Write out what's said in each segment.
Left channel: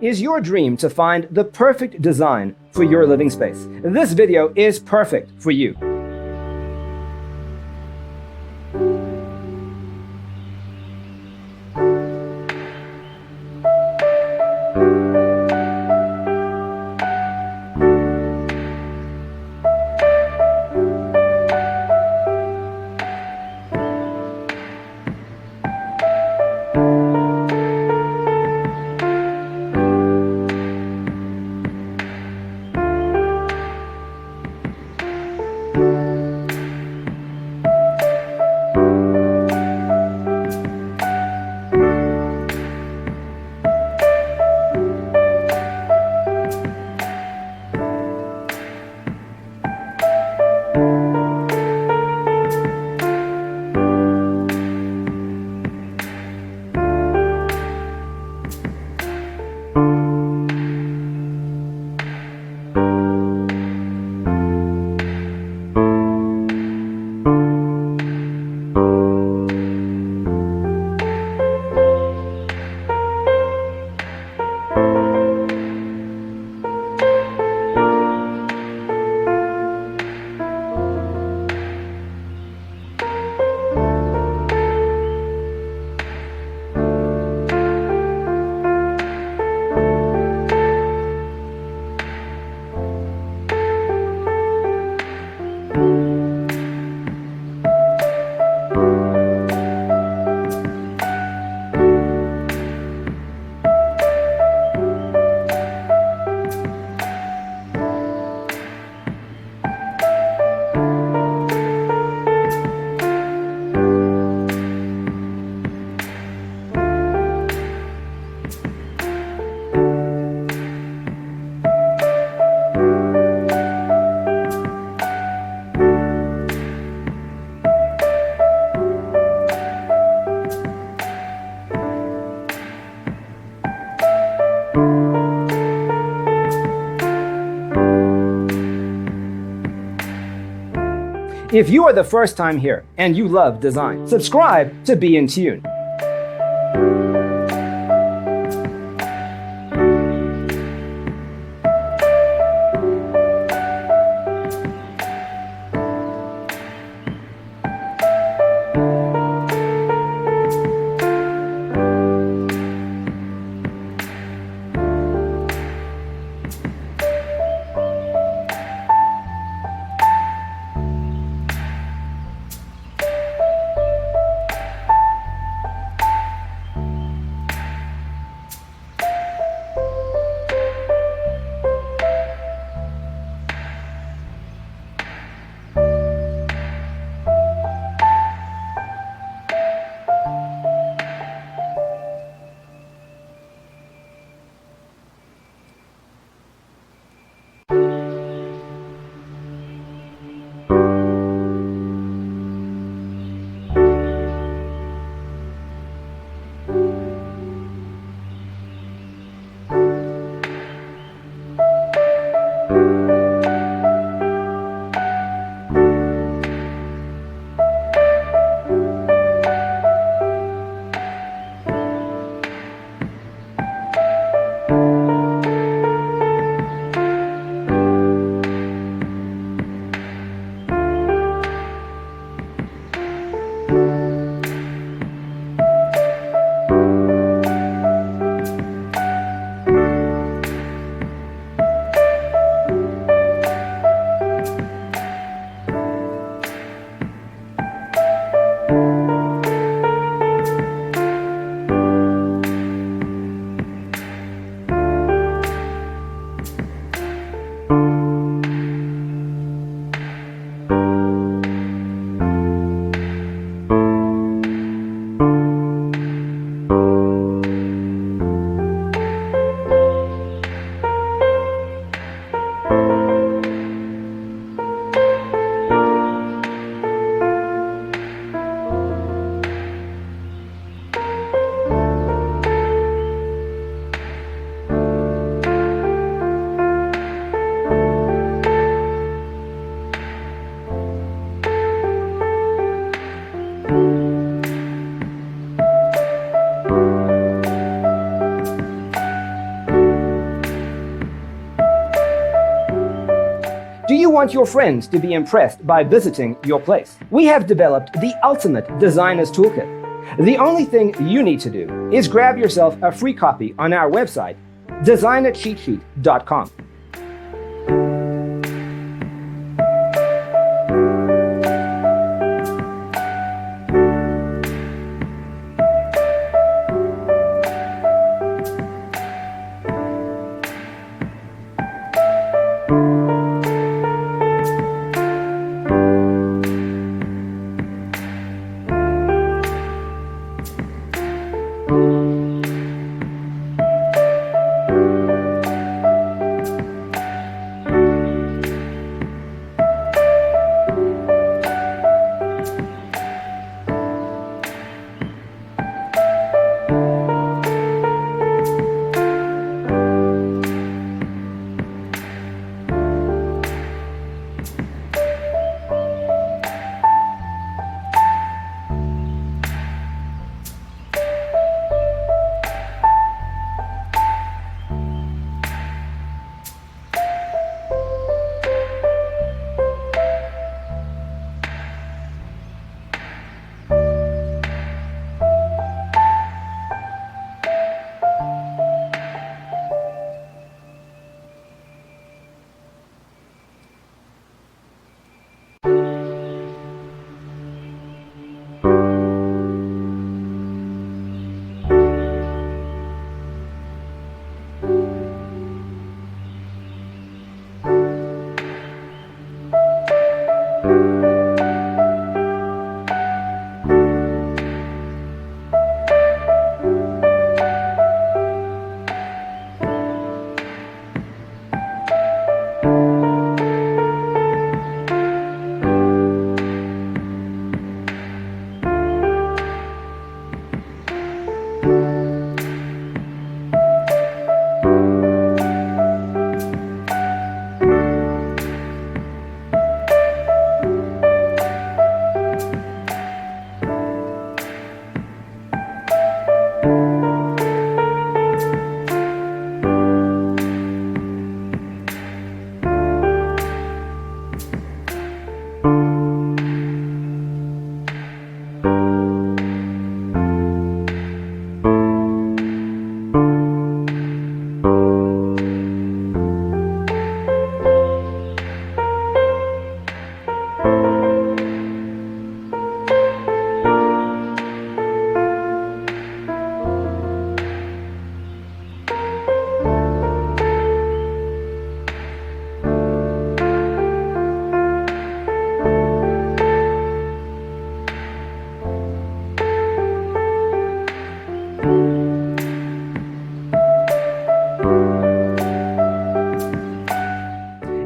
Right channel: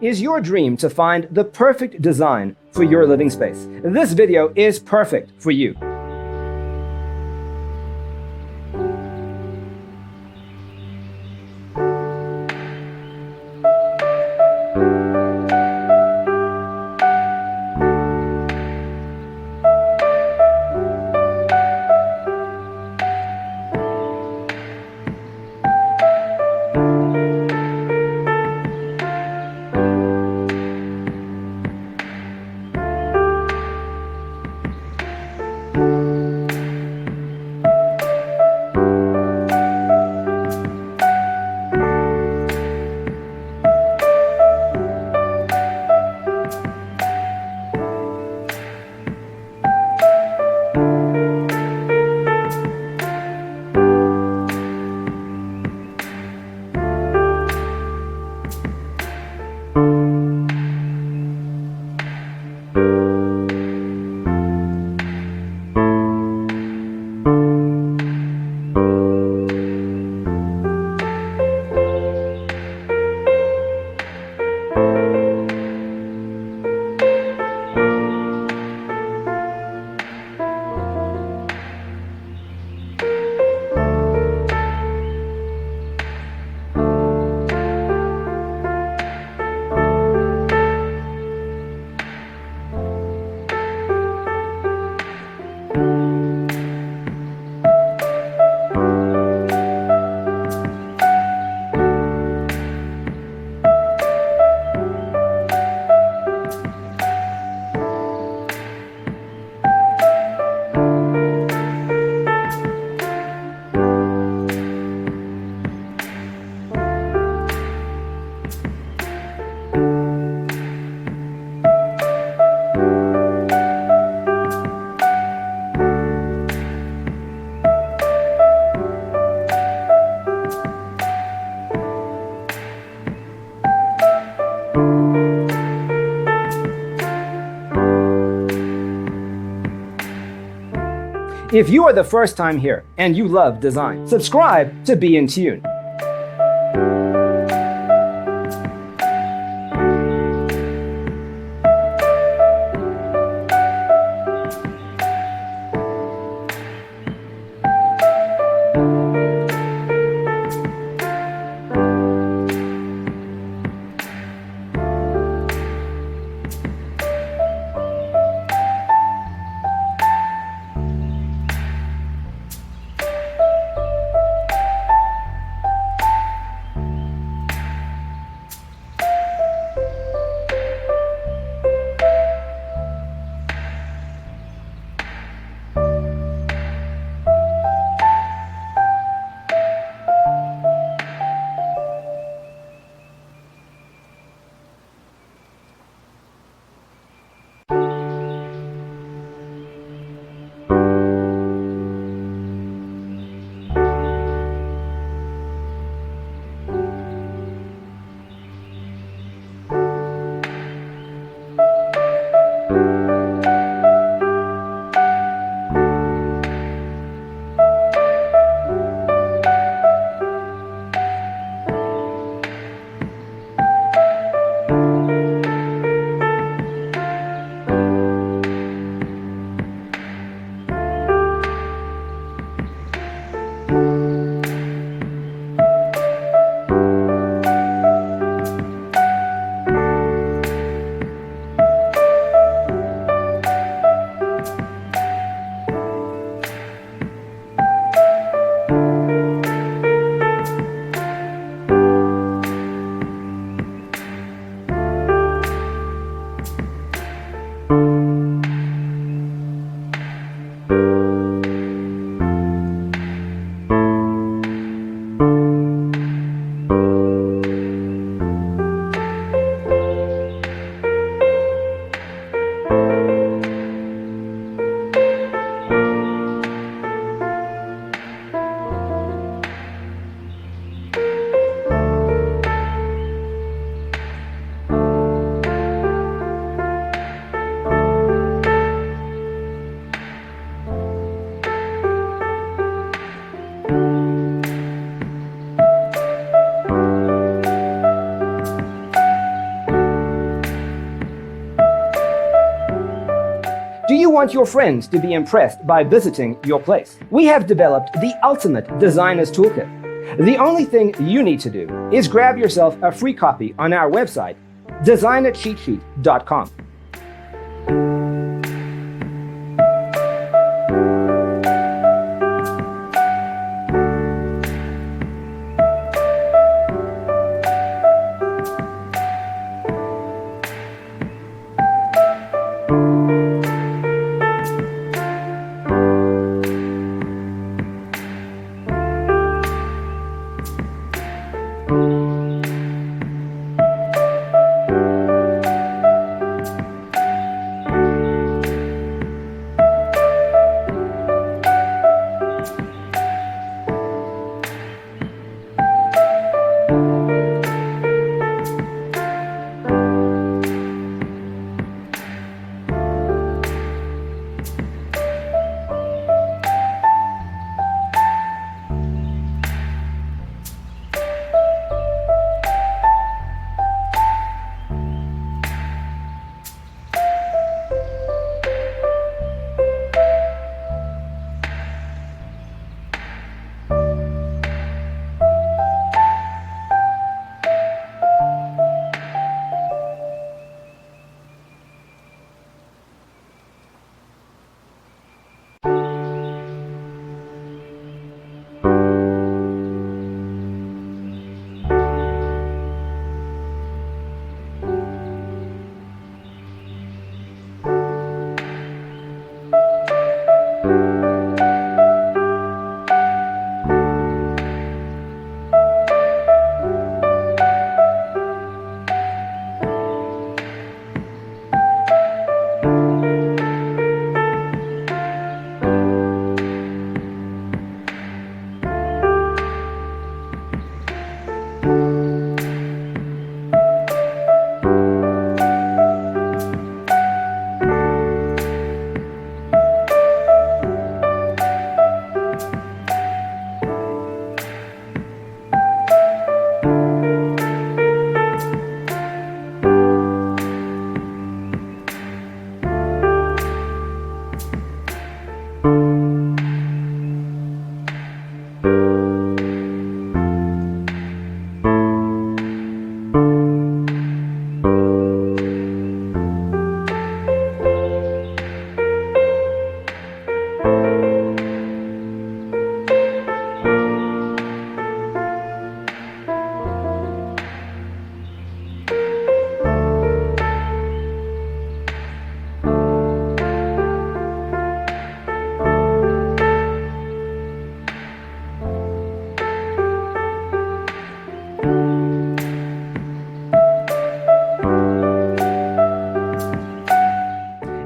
Is your dream to find the perfect design for your living space? This video is perfect for you. If you are the first time here and you love design, subscribe to Be in Tune. Do you want your friends to be impressed by visiting your place? We have developed the ultimate designer's toolkit. The only thing you need to do is grab yourself a free copy on our website, designercheatsheet.com.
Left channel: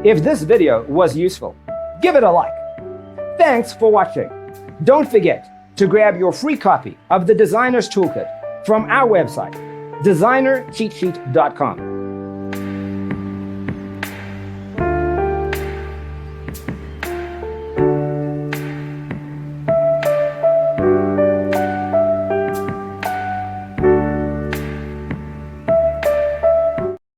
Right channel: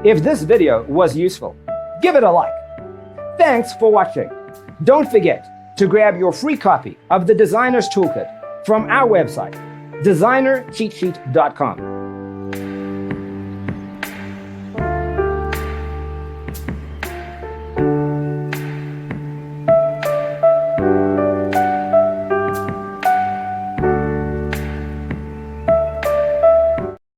If this video was useful, give it a like. Thanks for watching. Don't forget to grab your free copy of the Designer's Toolkit from our website, designercheatsheet.com.